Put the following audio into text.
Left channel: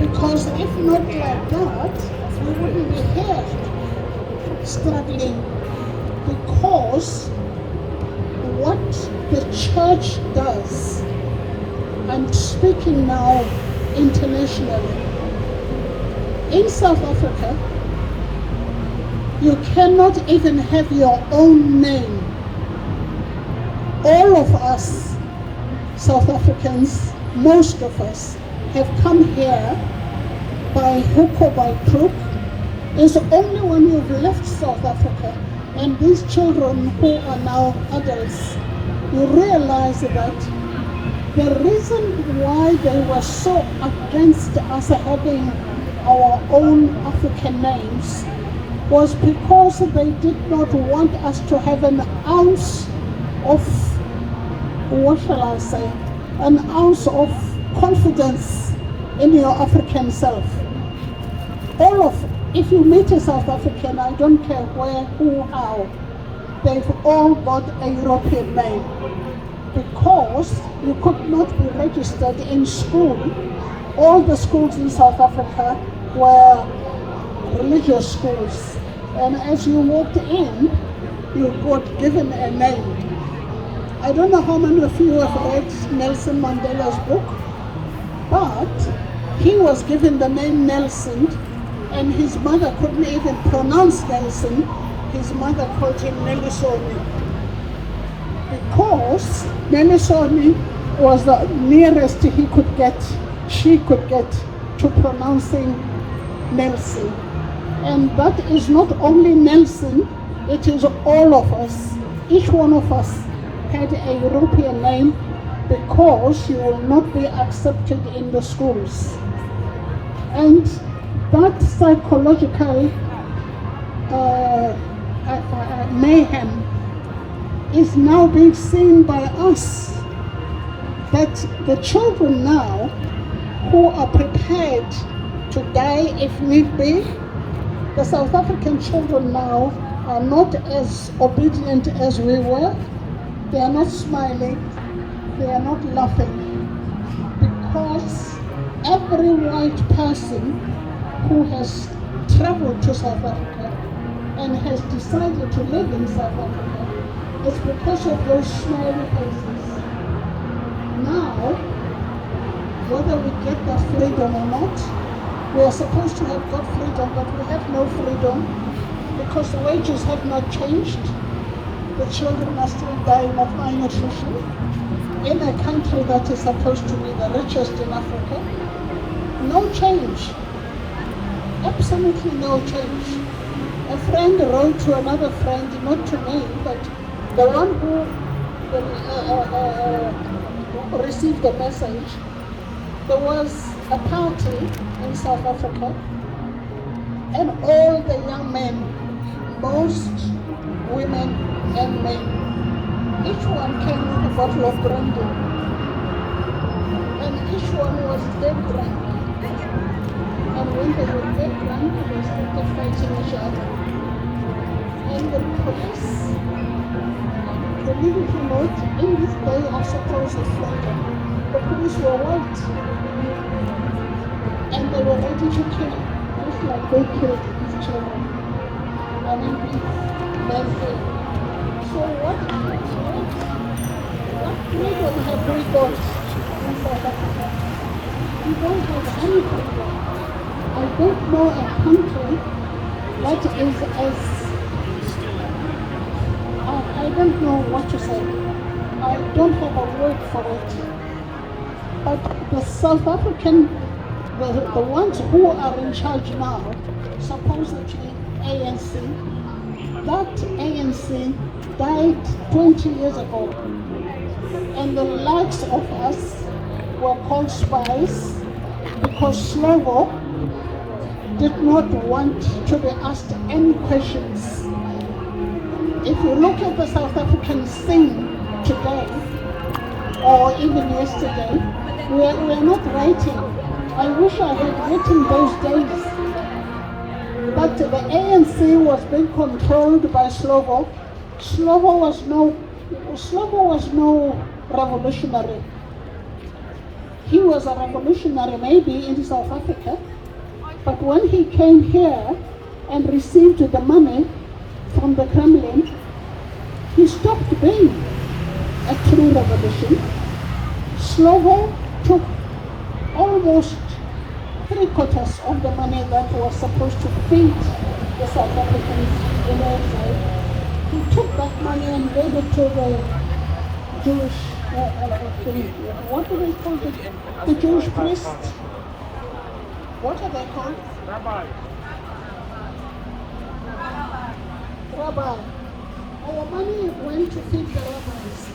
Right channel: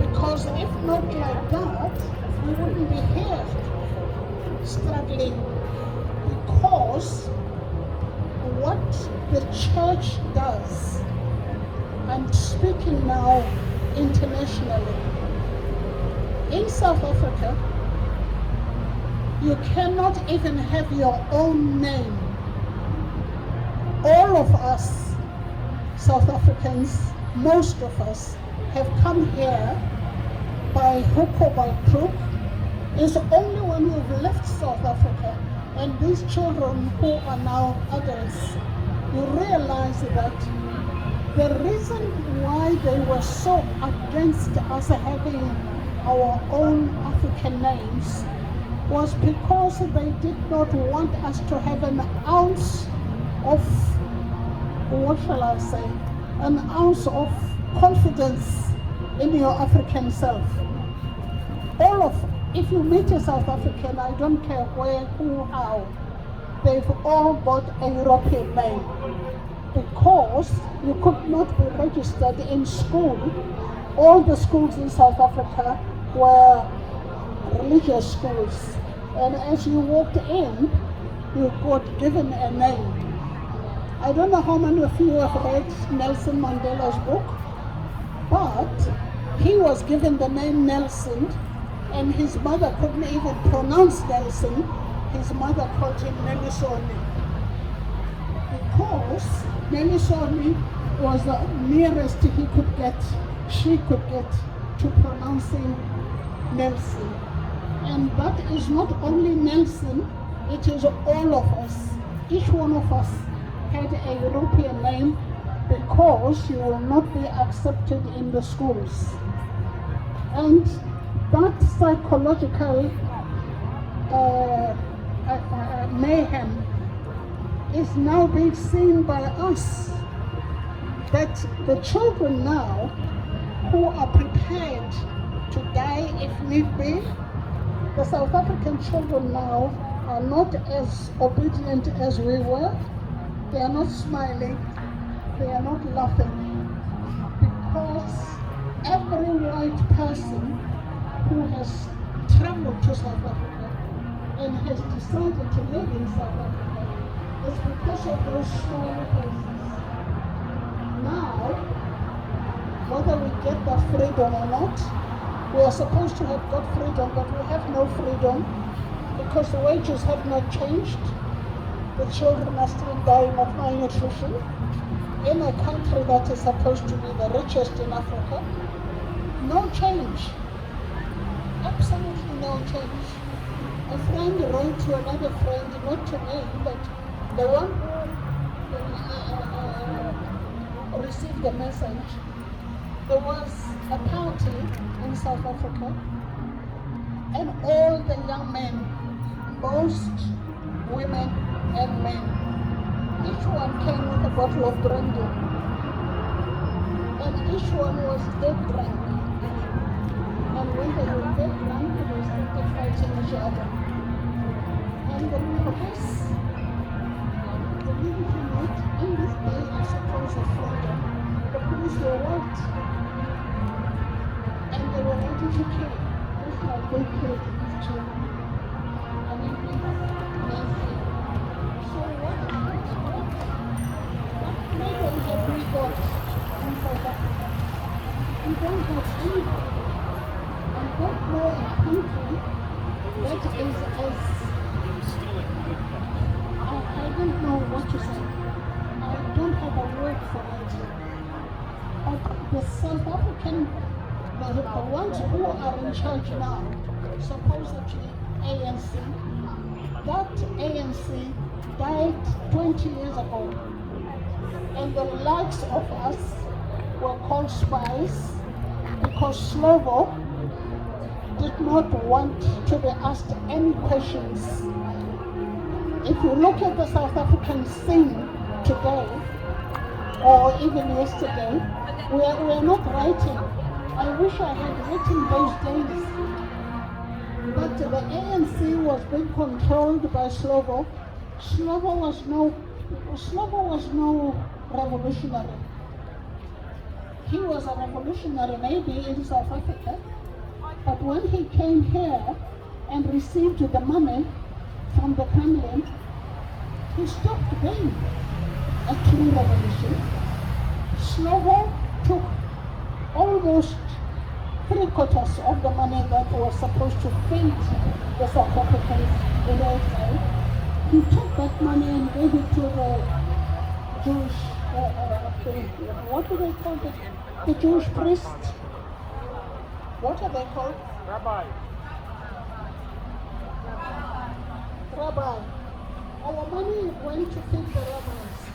Because if not like that, we wouldn't be here struggling. Because what the church does, I'm speaking now internationally, in South Africa, you cannot even have your own name. All of us, South Africans, most of us, have come here by hook or by crook. It's only when you've left South Africa and these children who are now adults, you realize that the reason why they were so against us having our own African names was because they did not want us to have an ounce of, what shall I say, an ounce of confidence in your African self. If you meet a South African, I don't care where, who, how, they've all got a European name because you could not be registered in school. All the schools in South Africa were religious schools, and as you walked in, you got given a name. I don't know how many of you have read Nelson Mandela's book, but he was given the name Nelson, and his mother couldn't even pronounce Nelson. His mother called him Nelisoni, because Nelisoni was the nearest she could get to pronouncing Nelson. And that is not only Nelson, it is all of us. Each one of us had a European name because you will not be accepted in the schools. And that psychological mayhem is now being seen by us, that the children now who are prepared to die if need be, the South African children now are not as obedient as we were. They are not smiling, they are not laughing, because every white person who has traveled to South Africa and has decided to live in South Africa is because of those smiley faces. Now, whether we get that freedom or not, we are supposed to have got freedom, but we have no freedom because the wages have not changed. The children are still dying of malnutrition in a country that is supposed to be the richest in Africa. No change. Absolutely no change. A friend wrote to another friend, not to me, but the one who received the message. There was a party in South Africa, and all the young men, most women and men, each one came with a bottle of brandy, and each one was dead drunk. And when they were dead drunk, they started fighting each other. And the police, believe it or not, in this day of supposed freedom, the police were white. And they were ready to kill, just like they killed these children. And it men did. So what freedom have we got in South Africa? We don't have any freedom. I don't know a country that is as, I don't know what to say. I don't have a word for it. But the South African, the ones who are in charge now, supposedly ANC, that ANC died 20 years ago. And the likes of us were called spies because Slovo did not want to be asked any questions. If you look at the South African scene today, or even yesterday, we are not writing. I wish I had written those days. But the ANC was being controlled by Slovo. Slovo was no revolutionary. He was a revolutionary maybe in South Africa, but when he came here and received the money from the Kremlin, he stopped being a true revolution. Slovo took almost 3/4 of the money that was supposed to feed the South Africans on our side. He took that money and gave it to the Jewish, what do they call it? The Jewish priests. What are they called? Rabbi. Rabbi. Our money went to feed the rabbis.